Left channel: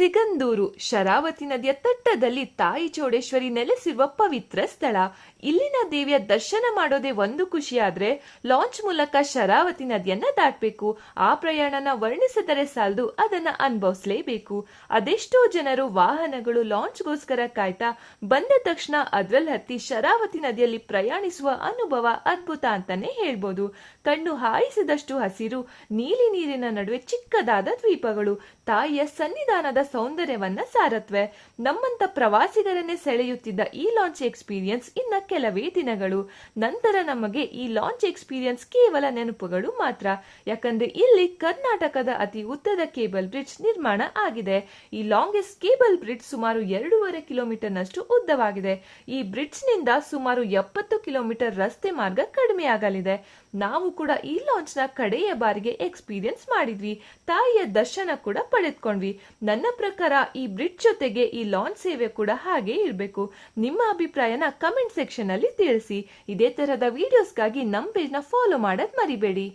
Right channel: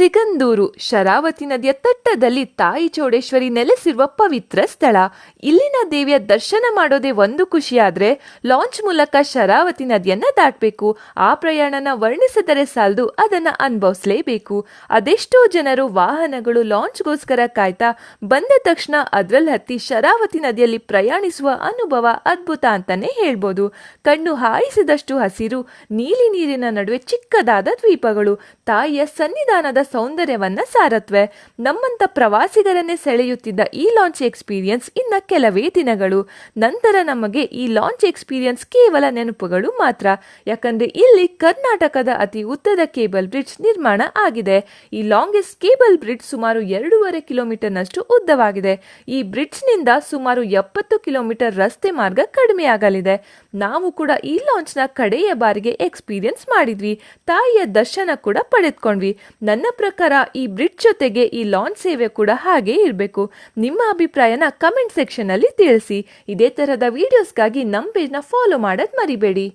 ಸಿಗಂದೂರು ಶರಾವತಿ ನದಿಯ ತಟ್ಟದಲ್ಲಿ ತಾಯಿ ಚೌಡೇಶ್ವರಿ ನೆಲೆಸಿರುವ ಪವಿತ್ರ ಸ್ಥಳ. ಇಲ್ಲಿನ ದೇವಿಯ ದರ್ಶನ ಮಾಡೋದೇ ಒಂದು ಖುಷಿಯಾದ್ರೆ ಲಾಂಚ್ ಮೂಲಕ ಶರಾವತಿ ನದಿಯನ್ನ ದಾಟಬೇಕು. ಆ ಪ್ರಯಾಣನ ವರ್ಣಿಸಿದರೆ ಸಾಲದು, ಅದನ್ನ ಅನುಭವಿಸಲೇಬೇಕು. ಅದೆಷ್ಟೋ ಜನರು ವಾಹನಗಳು ಲಾಂಚ್ಗೋಸ್ಕರ ಕಾಯ್ತಾ ಬಂದ ತಕ್ಷಣ ಅದ್ರಲ್ಲಿ ಹತ್ತಿ ಶರಾವತಿ ನದಿಯಲ್ಲಿ ಪ್ರಯಾಣಿಸುವ ಅನುಭವ ಅದ್ಭುತ ಅಂತಾನೆ ಹೇಳ್ಬೋದು. ಕಣ್ಣು ಹಾಯಿಸಿದಷ್ಟು ಹಸಿರು, ನೀಲಿ ನೀರಿನ ನಡುವೆ ಚಿಕ್ಕದಾದ ದ್ವೀಪಗಳು ತಾಯಿಯ ಸನ್ನಿಧಾನದ ಸೌಂದರ್ಯವನ್ನ ಸಾರತ್ವೆ. ನಮ್ಮಂತ ಪ್ರವಾಸಿಗರನ್ನೇ ಸೆಳೆಯುತ್ತಿದ್ದ ಈ ಲಾಂಚ್ ಎಕ್ಸ್ಪೀರಿಯನ್ಸ್ ಇನ್ನ ಕೆಲವೇ ದಿನಗಳು. ನಂತರ ನಮಗೆ ಈ ಲಾಂಚ್ ಎಕ್ಸ್ಪೀರಿಯನ್ಸ್ ಕೇವಲ ನೆನಪುಗಳು ಮಾತ್ರ. ಯಾಕಂದ್ರೆ ಇಲ್ಲಿ ಕರ್ನಾಟಕದ ಅತಿ ಉದ್ದದ ಕೇಬಲ್ ಬ್ರಿಡ್ಜ್ ನಿರ್ಮಾಣ ಆಗಿದೆ. ಈ ಲಾಂಗೆಸ್ಟ್ ಕೇಬಲ್ ಬ್ರಿಡ್ಜ್ ಸುಮಾರು 2.5 ಕಿಲೋಮೀಟರ್ನಷ್ಟು ಉದ್ದವಾಗಿದೆ. ಈ ಬ್ರಿಡ್ಜ್ ನಿಂದ ಸುಮಾರು 70 ಕಿಲೋಮೀಟರ್ ರಸ್ತೆ ಮಾರ್ಗ ಕಡಿಮೆಯಾಗಲಿದೆ. ನಾವು ಕೂಡ ಈ ಲಾಂಚ್ ನ ಕಡೆಯ ಬಾರಿಗೆ ಎಕ್ಸ್ಪೀರಿಯನ್ಸ್ ಮಾಡಿದ್ವಿ. ತಾಯಿಯ ದರ್ಶನ ಕೂಡ ಪಡೆದುಕೊಂಡ್ವಿ. ನನ್ನ ಪ್ರಕಾರ ಈ ಬ್ರಿಡ್ಜ್ ಜೊತೆಗೆ ಈ ಲಾಂಚ್ ಸೇವೆ ಕೂಡ ಹಾಗೆ ಇರಬೇಕು. ನಿಮ್ಮ ಅಭಿಪ್ರಾಯನ ಕಮೆಂಟ್ ಸೆಕ್ಷನ್ ಅಲ್ಲಿ ತಿಳಿಸಿ. ಇದೇ ತರಹದ ವಿಡಿಯೋಸ್ಗಾಗಿ ನಮ್ಮ ಪೇಜ್ನ ಫಾಲೋ ಮಾಡೋದು ಮರಿಬೇಡಿ.